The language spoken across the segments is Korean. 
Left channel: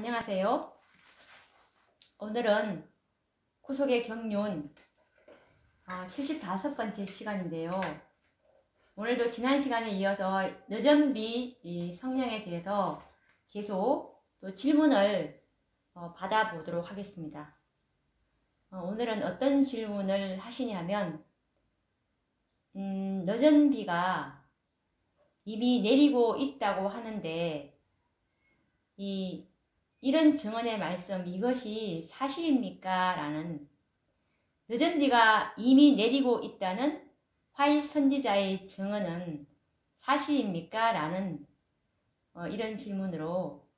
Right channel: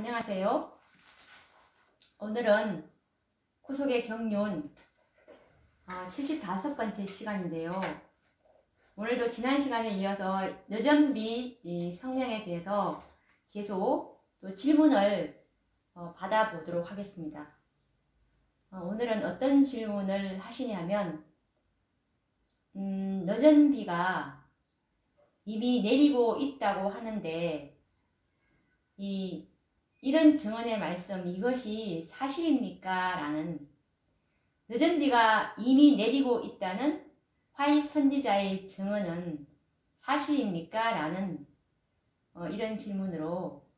안녕하세요. 오늘은 구속의 경륜 75번째 시간인데요. 오늘도 지난 시간에 이어서 여전비 성령에 대해서 계속 또 질문을 받아보도록 하겠습니다. 오늘은 어떤 질문을 하시냐면 여전비가 이미 내리고 있다고 하는데 이런 증언의 말씀, 이것이 사실입니까? 라는, 여전비가 이미 내리고 있다는 화이 선지자의 증언은 사실입니까? 라는 이런 질문으로,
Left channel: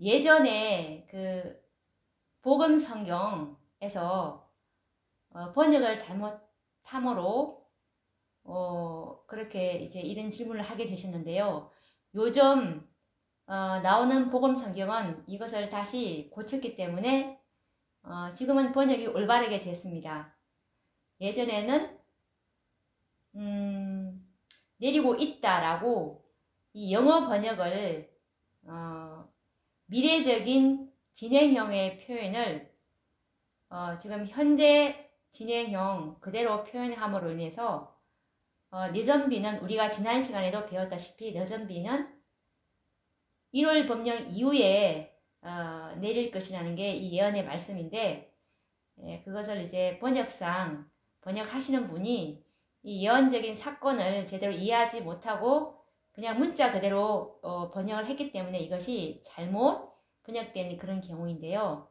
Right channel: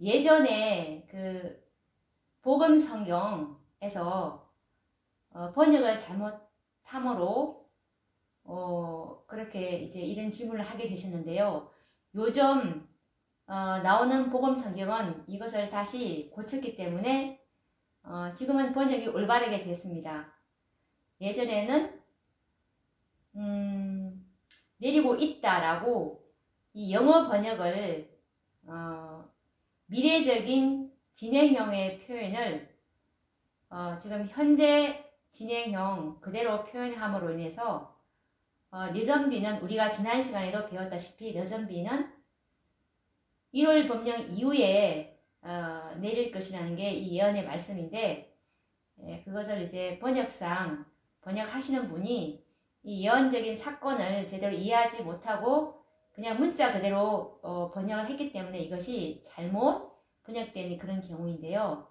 예전에 그 복음 성경에서 번역을 잘못함으로 그렇게 이제 이런 질문을 하게 되셨는데요. 요즘 나오는 복음 성경은 이것을 다시 고쳤기 때문에 지금은 번역이 올바르게 됐습니다. 예전에는 내리고 있다라고 이 영어 번역을 미래적인 진행형의 표현을 지금 현재 진행형 그대로 표현함으로 인해서 여전비는 우리가 지난 시간에도 배웠다시피 여전비는 1월 법령 이후에 내릴 것이라는 게 이 예언의 말씀인데, 그것을 이제 번역상 번역하시는 분이 이 예언적인 사건을 제대로 이해하지 못하고 그냥 문자 그대로 번역을 했기 때문에 이것이 잘못 번역된 그런 경우인데요.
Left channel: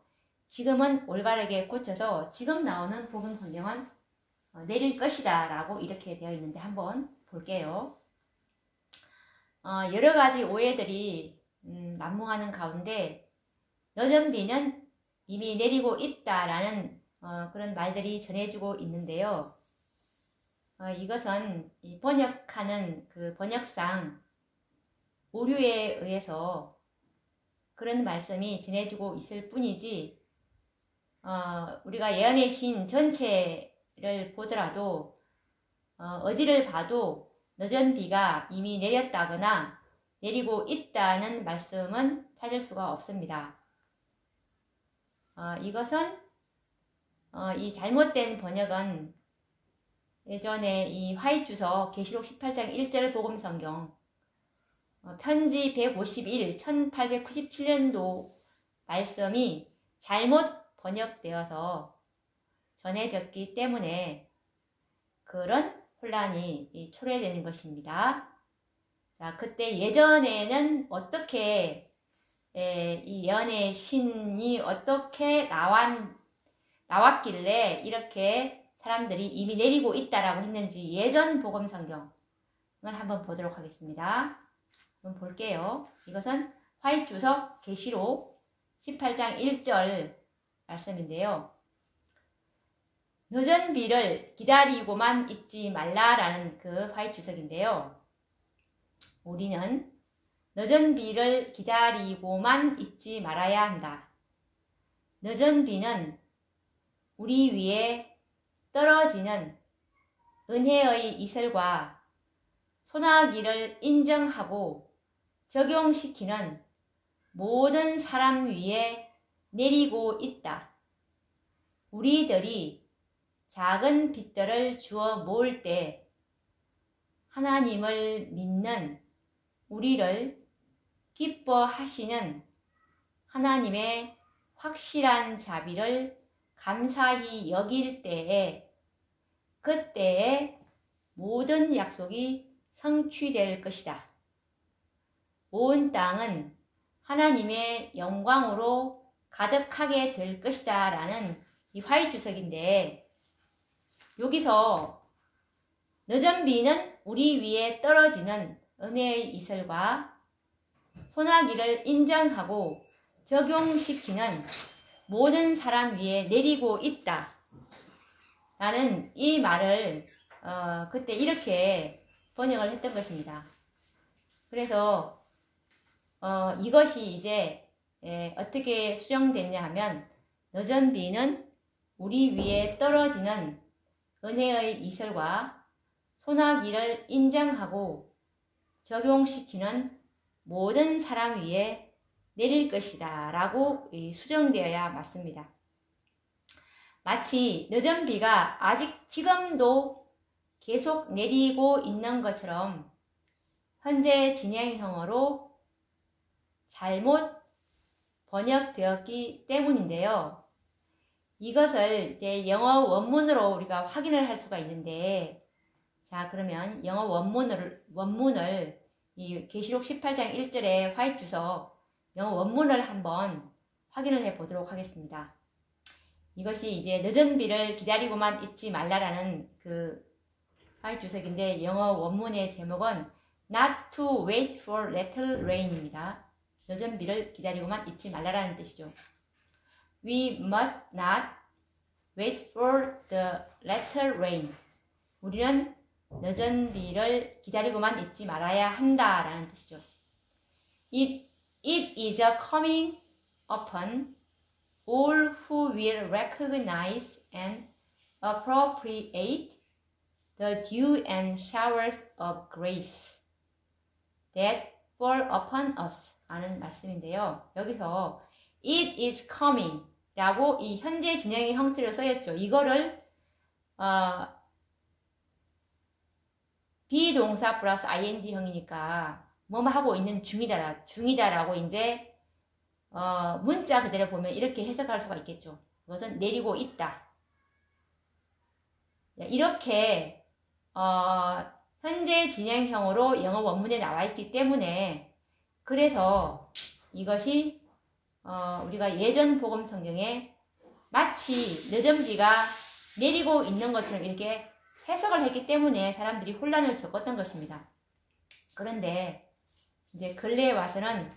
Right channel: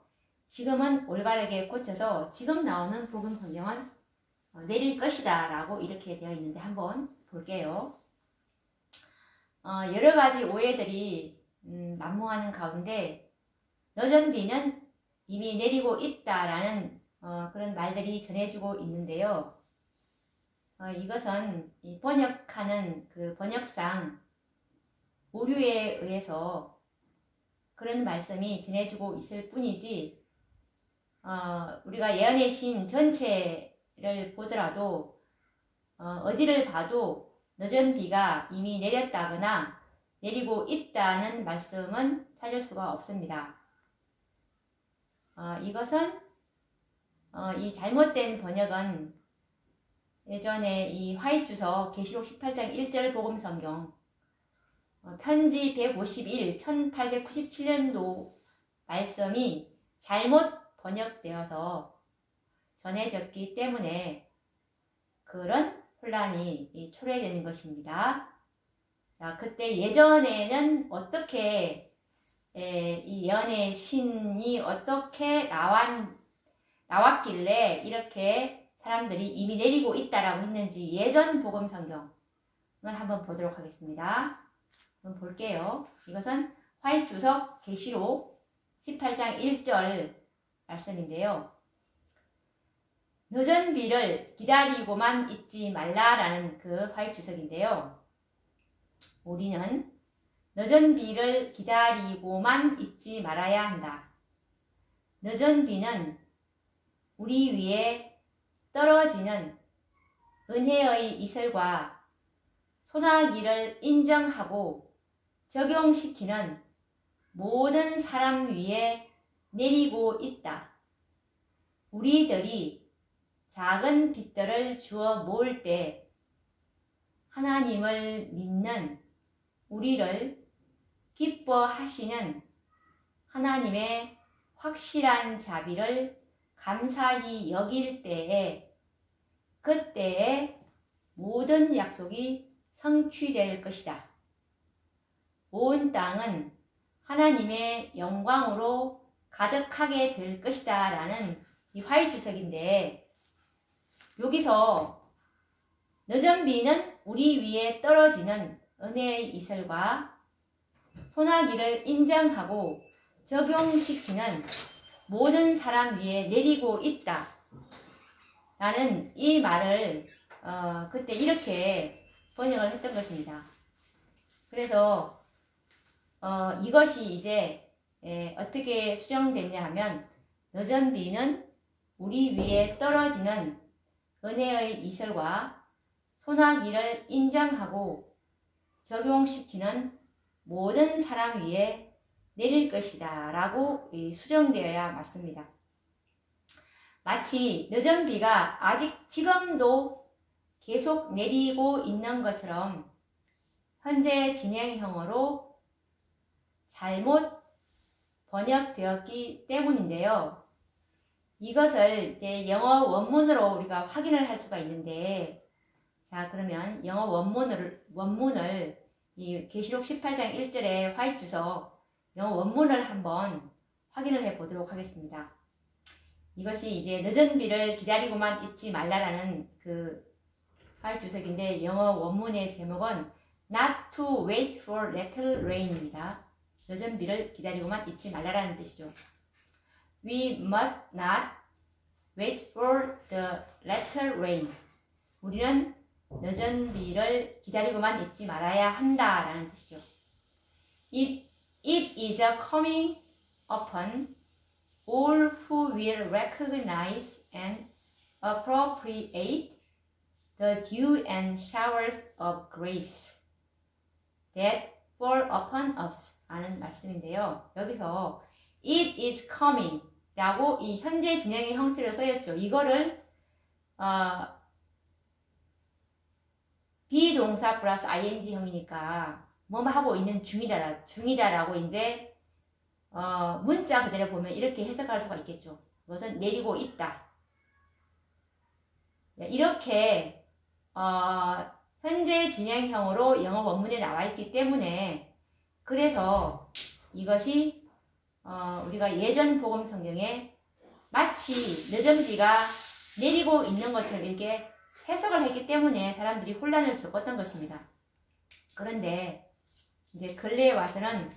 지금은 올바르게 고쳐서 지금 나오는 복음 성경은 내릴 것이다 라고 이렇게 되어 있는데 한번 볼게요. 여러 가지 오해들이 난무하는 가운데 여전비는 이미 내리고 있다라는 그런 말들이 전해지고 있는데요. 이것은 이 번역하는 그 번역상 오류에 의해서 그런 말씀이 전해지고 있을 뿐이지, 우리가 예언의 신 전체를 보더라도 어디를 봐도 여전비가 이미 내렸다거나 내리고 있다는 말씀은 찾을 수가 없습니다. 이것은 이 잘못된 번역은 예전에 이 화이트주석 계시록 18장 1절 복음성경 편지 151 1897년도 말씀이 잘못 번역되어서 전해졌기 때문에 그런 혼란이 초래되는 것입니다. 자, 그때 예전에는 어떻게 이 예언의 신이 어떻게 나왔길래 이렇게 사람들이 이미 내리고 있다라고 했는지 예전 복음 성경을 한번 보도록 하겠습니다. 한번 볼게요. 이것은 화이트주석 계시록 18장 1절 말씀인데요. 여전비를 기다리고만 있지 말라라는 그 화이트주석인데요. 우리는 여전비를 기다리고만 있지 말아야 한다. 여전비는 우리 위에 떨어지는 은혜의 이슬과 소나기를 인정하고 적용시키는 모든 사람 위에 내리고 있다. 우리들이 작은 빛들을 주워 모을 때 하나님을 믿는 우리를 기뻐하시는 하나님의 확실한 자비를 감사히 여길 때에 그때에 모든 약속이 성취될 것이다. 온 땅은 하나님의 영광으로 가득하게 될 것이다 라는 이 화이트주석인데, 여기서 여전비는 우리 위에 떨어지는 은혜의 이슬과 소나기를 인정하고 적용시키는 모든 사람 위에 내리고 있다 라는 이 말을 그때 이렇게 번역을 했던 것입니다. 그래서 이것이 이제 어떻게 수정됐냐 하면, 여전비는 우리 위에 떨어지는 은혜의 이슬과 소나기를 인정하고 적용시키는 모든 사람 위에 내릴 것이다 라고 수정되어야 맞습니다. 마치 늦은 비가 아직 지금도 계속 내리고 있는 것처럼 현재 진행형으로 잘못 번역되었기 때문인데요. 이것을 이제 영어 원문으로 우리가 확인을 할 수가 있는데, 자, 그러면 영어 원문을 이 계시록 18장 1절에 화이트 주서 영어 원문을 한번 확인을 해 보도록 하겠습니다. 이것이 이제 늦은 비를 기다리고만 있지 말라라는 그 화이트 주석인데, 영어 원문의 제목은 Not to wait for little rain입니다. 늦은 비를 기다리고만 있지 말라라는 뜻이죠. We must not wait for the little rain. 우리는 늦은 비를 기다리고만 있지 말아야 한다라는 뜻이죠. It is a coming upon all who will recognize and appropriate the dew and showers of grace that fall upon us 라는 말씀인데요. 여기서 it is coming 라고 이 현재 진행의 형태로 쓰였죠. 이거를 비동사 플러스 ing형이니까 뭐뭐 하고 있는 중이다라고 이제 문자 그대로 보면 이렇게 해석할 수가 있겠죠. 그것은 내리고 있다. 이렇게 현재 진행형으로 영어 원문에 나와 있기 때문에, 그래서 이것이 우리가 예전 복음 성경에 마치 늦은 비가 내리고 있는 것처럼 이렇게 해석을 했기 때문에 사람들이 혼란을 겪었던 것입니다. 그런데 이제 근래에 와서는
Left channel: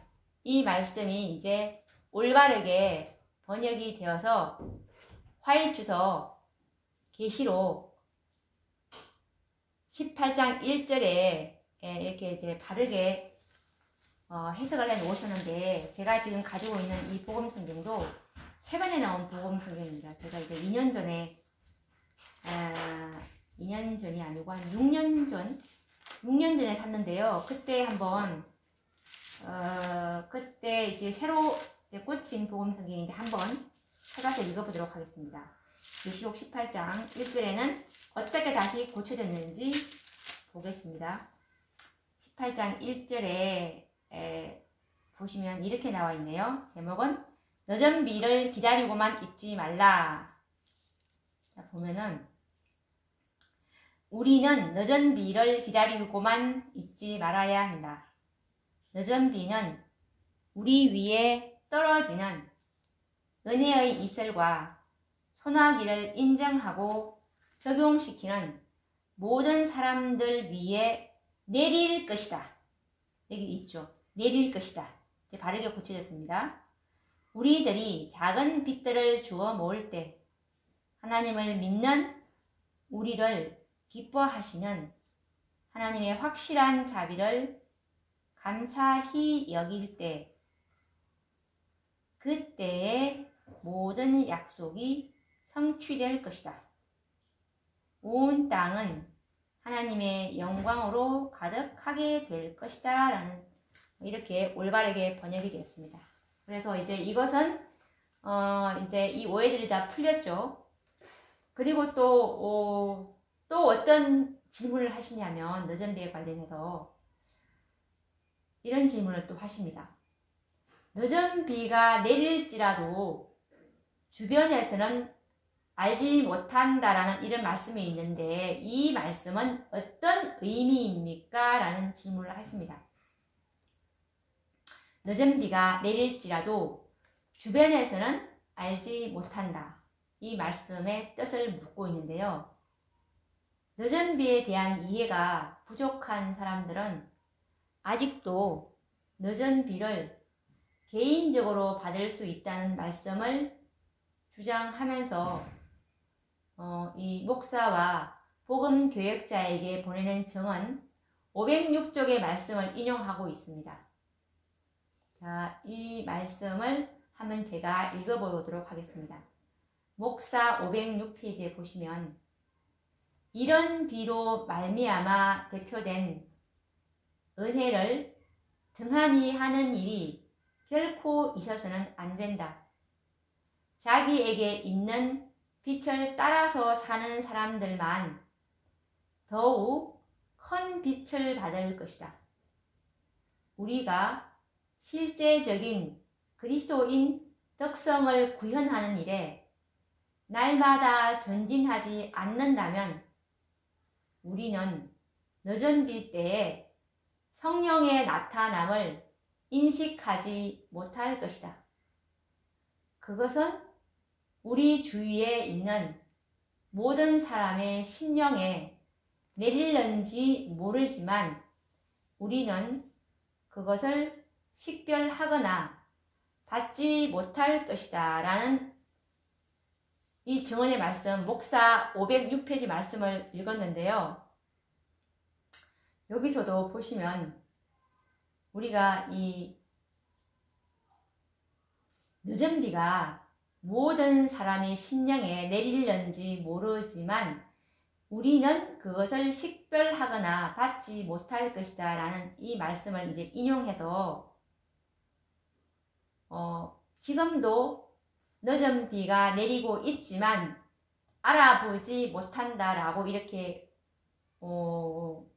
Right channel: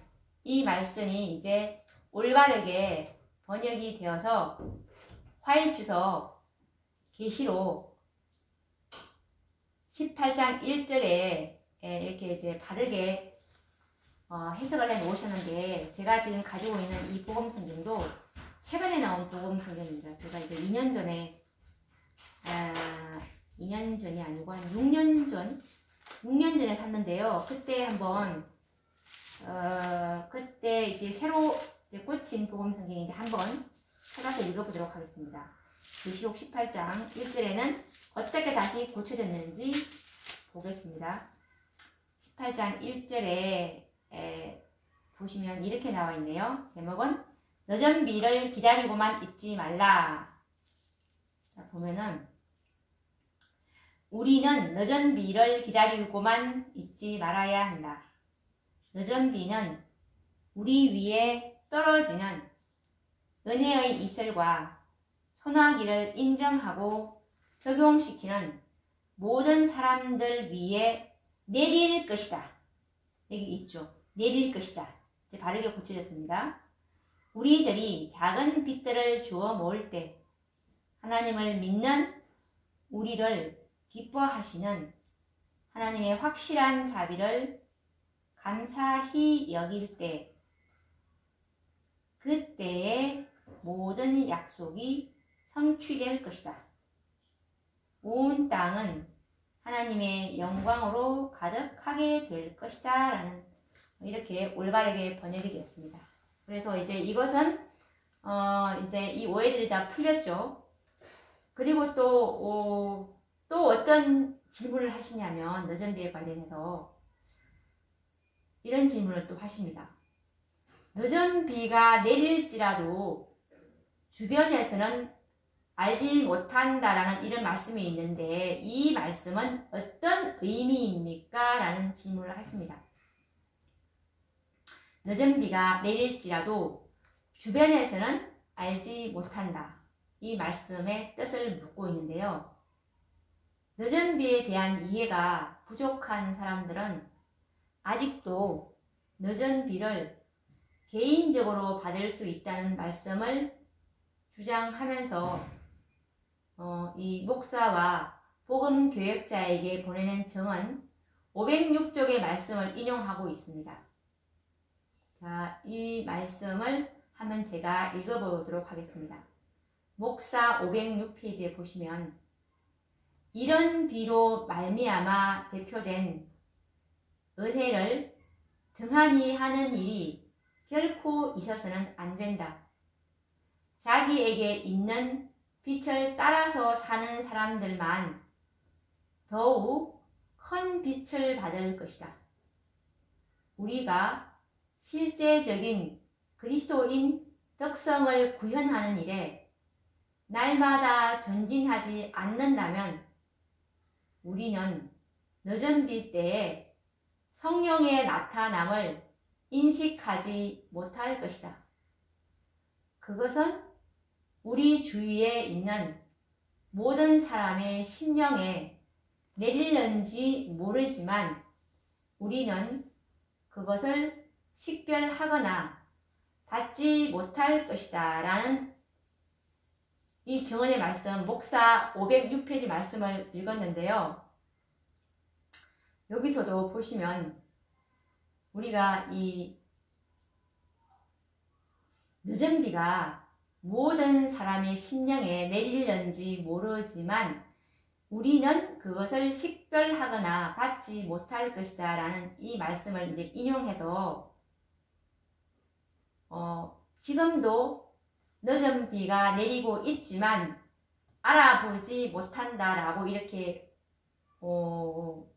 이 말씀이 이제 올바르게 번역이 되어서 화이트 주서 계시록 18장 1절에 이렇게 이제 바르게 해석을 해 놓으셨는데, 제가 지금 가지고 있는 이 복음 성경도 최근에 나온 복음 성경입니다. 제가 이제 2년 전에 2년 전이 아니고 한 6년 전에 샀는데요. 그때 한번 그때 이제 새로 이제 꽂힌 복음 성경인데 한번 찾아서 읽어보도록 하겠습니다. 계시록 18장 1절에는 어떻게 다시 고쳐졌는지 보겠습니다. 18장 1절에 보시면 이렇게 나와 있네요. 제목은 늦은 비를 기다리고만 있지 말라. 자, 보면은 우리는 늦은 비를 기다리고만 있지 말아야 한다. 늦은 비는 우리 위에 떨어지는 은혜의 이슬과 소나기를 인정하고 적용시키는 모든 사람들 위에 내릴 것이다. 여기 있죠. 내릴 것이다. 이제 바르게 고쳐졌습니다. 우리들이 작은 빛들을 주워 모을 때 하나님을 믿는 우리를 기뻐하시는 하나님의 확실한 자비를 감사히 여길 때, 그때의 모든 약속이 성취될 것이다. 온 땅은 하나님의 영광으로 가득하게 될 것이다 라는, 이렇게 올바르게 번역이 되었습니다. 그래서 이제 이것은 이제 이 오해들이 다 풀렸죠. 그리고 또 어떤 질문을 하시냐면, 늦은 비에 관련해서 이런 질문을 또 하십니다. 늦은 비가 내릴지라도 주변에서는 알지 못한다라는 이런 말씀이 있는데, 이 말씀은 어떤 의미입니까? 라는 질문을 하십니다. 늦은 비가 내릴지라도 주변에서는 알지 못한다. 이 말씀의 뜻을 묻고 있는데요. 늦은 비에 대한 이해가 부족한 사람들은 아직도 늦은 비를 개인적으로 받을 수 있다는 말씀을 주장하면서 이 목사와 복음 교역자에게 보내는 증언 506쪽의 말씀을 인용하고 있습니다. 자, 이 말씀을 한번 제가 읽어보도록 하겠습니다. 목사 506페이지에 보시면, 이런 비로 말미암아 대표된 은혜를 등한히 하는 일이 결코 있어서는 안 된다. 자기에게 있는 빛을 따라서 사는 사람들만 더욱 큰 빛을 받을 것이다. 우리가 실제적인 그리스도인 덕성을 구현하는 일에 날마다 전진하지 않는다면 우리는 늦은 빛 때에 성령의 나타남을 인식하지 못할 것이다. 그것은 우리 주위에 있는 모든 사람의 심령에 내릴는지 모르지만 우리는 그것을 식별하거나 받지 못할 것이다 라는 이 증언의 말씀, 목사 506페이지 말씀을 읽었는데요. 여기서도 보시면 우리가 이 늦은 비가 모든 사람의 심령에 내릴는지 모르지만 우리는 그것을 식별하거나 받지 못할 것이다 라는 이 말씀을 이제 인용해서 지금도 늦은 비가 내리고 있지만 알아보지 못한다 라고 이렇게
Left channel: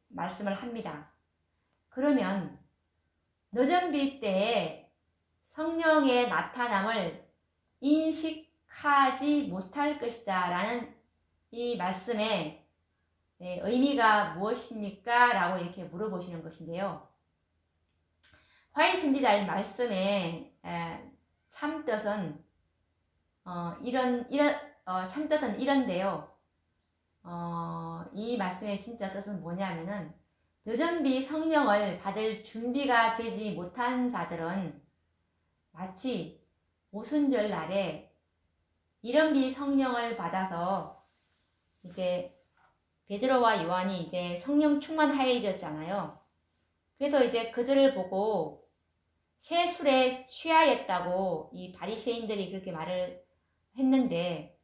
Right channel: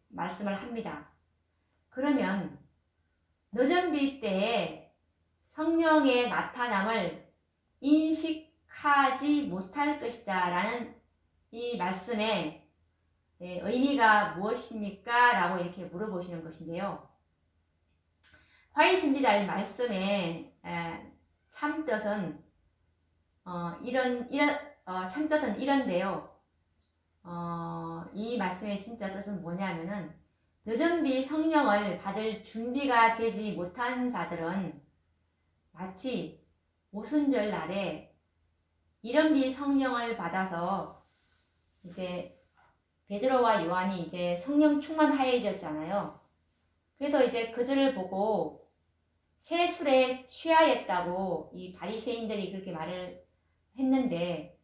말씀을 합니다. 그러면 늦은 비 때에 성령의 나타남을 인식하지 못할 것이다 라는 이 말씀의 의미가 무엇입니까? 라고 이렇게 물어보시는 것인데요. 화인 선지자의 말씀의 참뜻은 참뜻은 이런데요. 이 말씀의 진짜 뜻은 뭐냐면은 늦은 비 성령을 받을 준비가 되지 못한 자들은 마치 오순절 날에 이른 비 성령을 받아서 이제 베드로와 요한이 이제 성령 충만하여졌잖아요. 그래서 이제 그들을 보고 새 술에 취하였다고 이 바리새인들이 그렇게 말을 했는데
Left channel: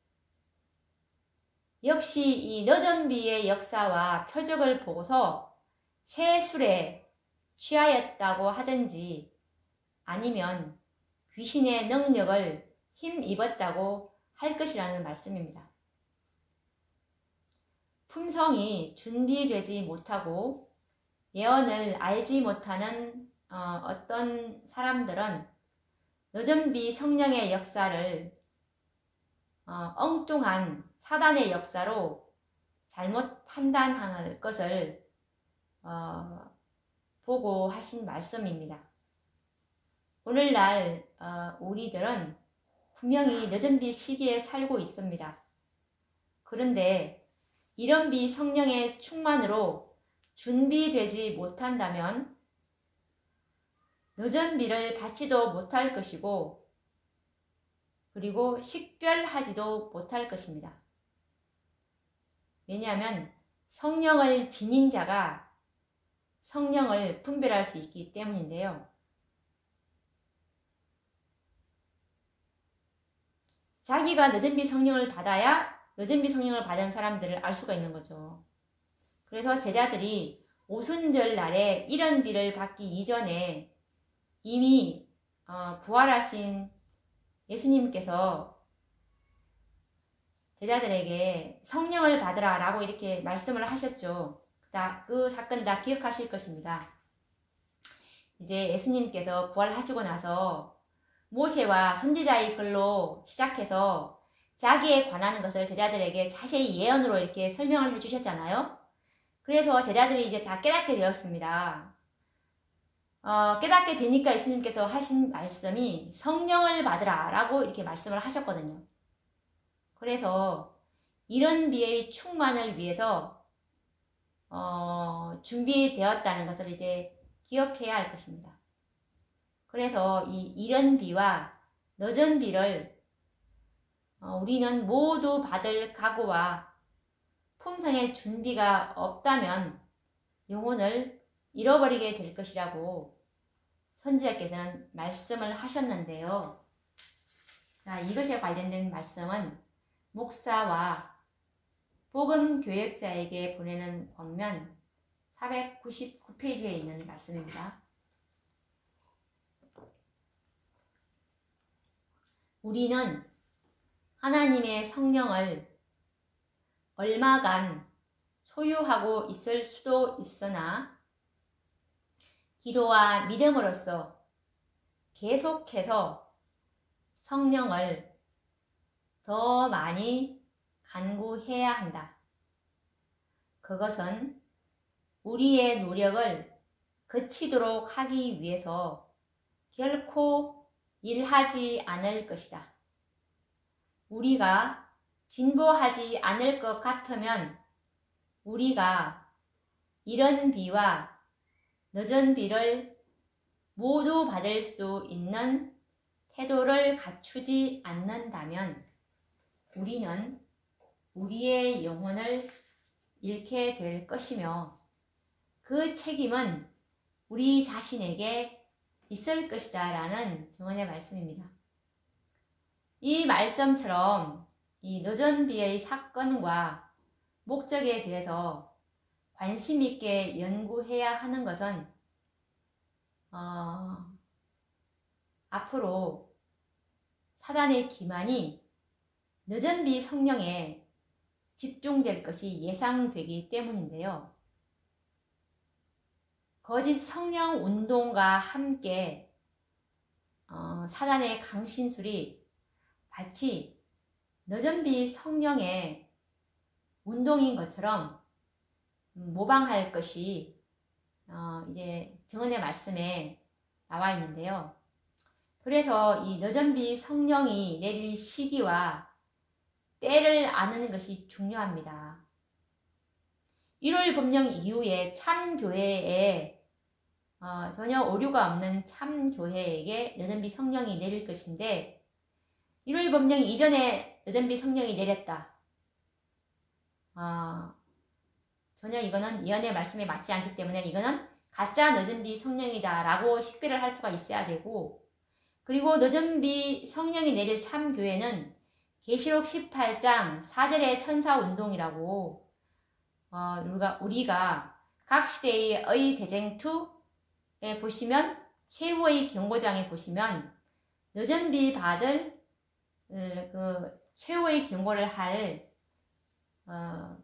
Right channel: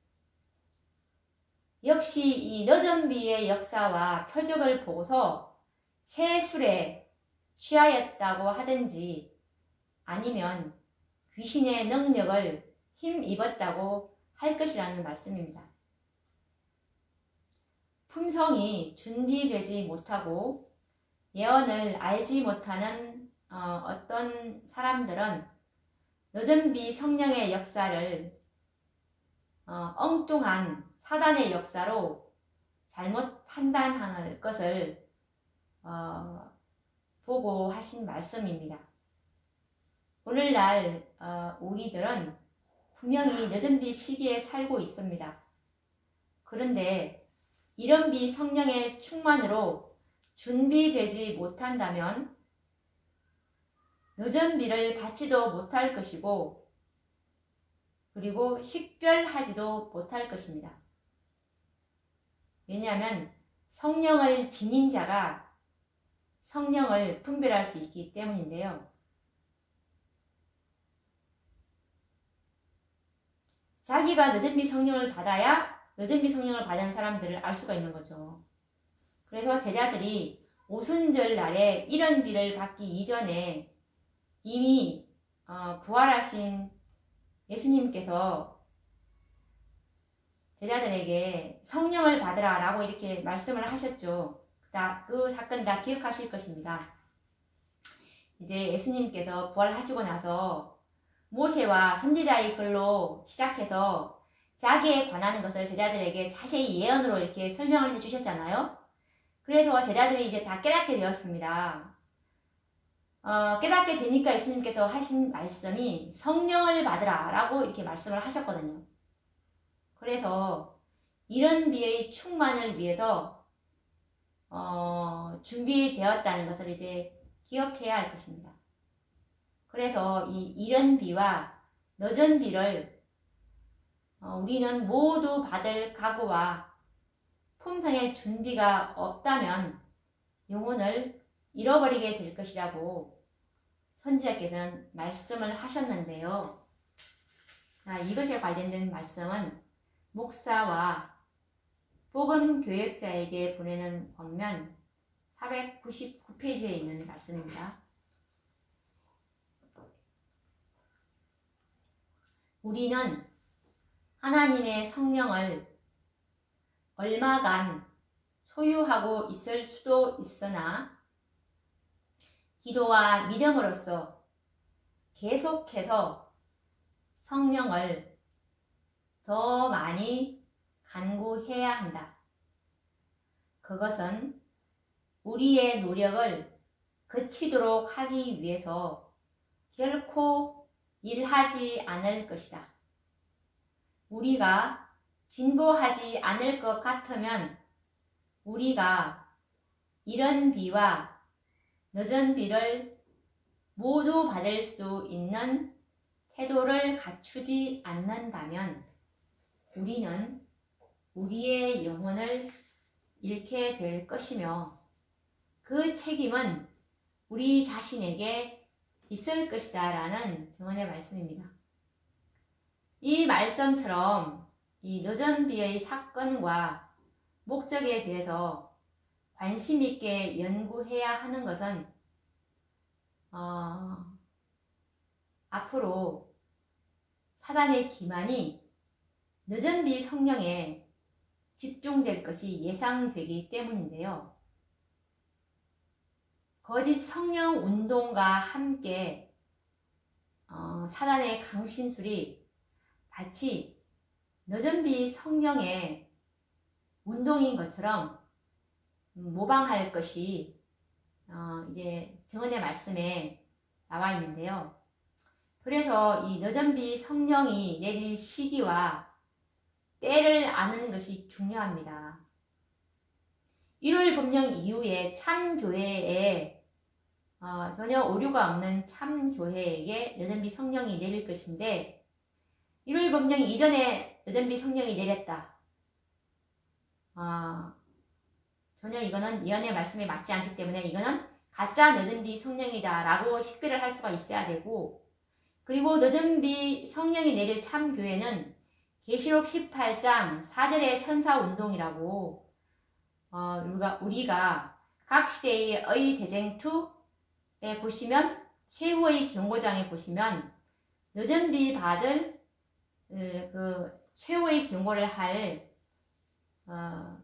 역시 이 늦은 비의 역사와 표적을 보고서 새 술에 취하였다고 하든지 아니면 귀신의 능력을 힘입었다고 할 것이라는 말씀입니다. 품성이 준비되지 못하고 예언을 알지 못하는 어떤 사람들은 늦은 비 성령의 역사를 엉뚱한 사단의 역사로 잘못 판단할 것을 보고 하신 말씀입니다. 오늘날 우리들은 분명히 늦은 비 시기에 살고 있습니다. 그런데 이른 비 성령의 충만으로 준비되지 못한다면 늦은 비를 받지도 못할 것이고 그리고 식별하지도 못할 것입니다. 왜냐하면 성령을 지닌 자가 성령을 분별할 수 있기 때문인데요. 자기가 늦은 비 성령을 받아야 늦은 비 성령을 받은 사람들을 알 수가 있는 거죠. 그래서 제자들이 오순절 날에 이른 비를 받기 이전에 이미 부활하신 예수님께서 제자들에게 성령을 받으라 라고 이렇게 말씀을 하셨죠. 그 사건 다 기억하실 것입니다. 이제 예수님께서 부활하시고 나서 모세와 선지자의 글로 시작해서 자기에 관한 것을 제자들에게 자세히 예언으로 이렇게 설명을 해주셨잖아요. 그래서 제자들이 이제 다 깨닫게 되었습니다. 깨닫게 되니까 예수님께서 하신 말씀이 성령을 받으라 라고 이렇게 말씀을 하셨거든요. 그래서 이른 비의 충만을 위해서 준비되었다는 것을 이제 기억해야 할 것입니다. 그래서 이 이른 비와 늦은 비를 우리는 모두 받을 각오와 품성의 준비가 없다면 영혼을 잃어버리게 될 것이라고 선지자께서는 말씀을 하셨는데요. 자, 이것에 관련된 말씀은 목사와 복음 교역자에게 보내는 권면 499페이지에 있는 말씀입니다. 우리는 하나님의 성령을 얼마간 소유하고 있을 수도 있으나 기도와 믿음으로써 계속해서 성령을 더 많이 간구해야 한다. 그것은 우리의 노력을 그치도록 하기 위해서 결코 일하지 않을 것이다. 우리가 진보하지 않을 것 같으면 우리가 이른 비와 늦은 비를 모두 받을 수 있는 태도를 갖추지 않는다면 우리는 우리의 영혼을 잃게 될 것이며 그 책임은 우리 자신에게 있을 것이다 라는 증언의 말씀입니다. 이 말씀처럼 이 늦은 비의 사건과 목적에 대해서 관심 있게 연구해야 하는 것은 앞으로 사단의 기만이 늦은 비 성령에 집중될 것이 예상되기 때문인데요. 거짓 성령 운동과 함께 사단의 강신술이 마치 늦은 비 성령의 운동인 것처럼 모방할 것이 이제 증언의 말씀에 나와 있는데요. 그래서 이 늦은 비 성령이 내릴 시기와 때를 아는 것이 중요합니다. 1월 법령 이후에 참교회에 전혀 오류가 없는 참교회에게 늦은 비 성령이 내릴 것인데 1월 법령 이전에 늦은 비 성령이 내렸다. 전혀 이거는 예언의 말씀에 맞지 않기 때문에 이거는 가짜 늦은 비 성령이다 라고 식별을 할 수가 있어야 되고, 그리고 늦은 비 성령이 내릴 참교회는 계시록 18장 4절의 천사운동이라고 우리가 각 시대의 대쟁투에 보시면 최후의 경고장에 보시면 늦은 비 받을 그 최후의 경고를 할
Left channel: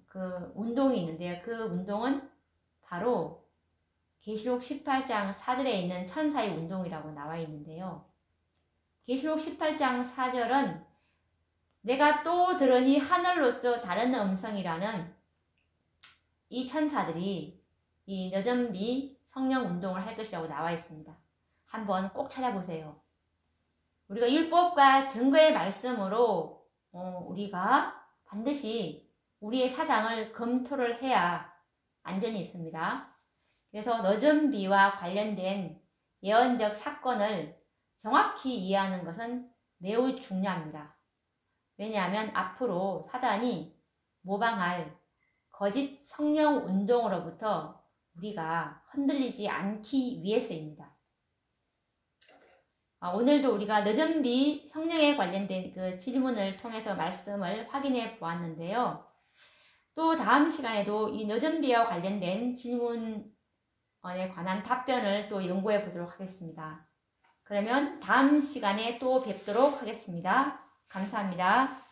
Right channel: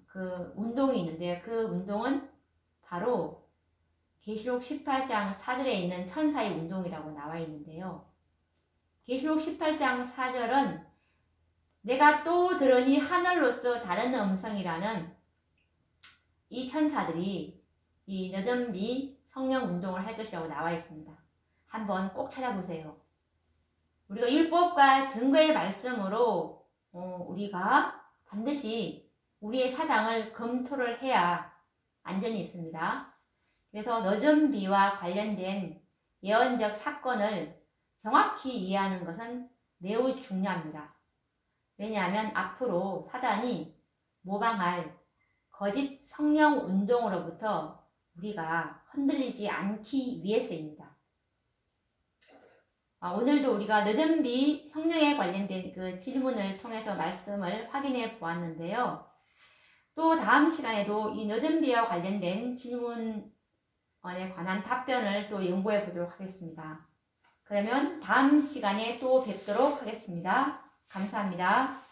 그 운동이 있는데요. 그 운동은 바로 계시록 18장 4절에 있는 천사의 운동이라고 나와 있는데요. 계시록 18장 4절은 내가 또 들으니 하늘로서 다른 음성이라는 이 천사들이 이 늦은 비 성령 운동을 할 것이라고 나와 있습니다. 한번 꼭 찾아보세요. 우리가 율법과 증거의 말씀으로 우리가 반드시 우리의 사상을 검토를 해야 안전이 있습니다. 그래서 늦은 비와 관련된 예언적 사건을 정확히 이해하는 것은 매우 중요합니다. 왜냐하면 앞으로 사단이 모방할 거짓 성령 운동으로부터 우리가 흔들리지 않기 위해서입니다. 오늘도 우리가 늦은 비 성령에 관련된 그 질문을 통해서 말씀을 확인해 보았는데요. 또 다음 시간에도 이 늦은 비와 관련된 질문에 관한 답변을 또 연구해 보도록 하겠습니다. 그러면 다음 시간에 또 뵙도록 하겠습니다. 감사합니다.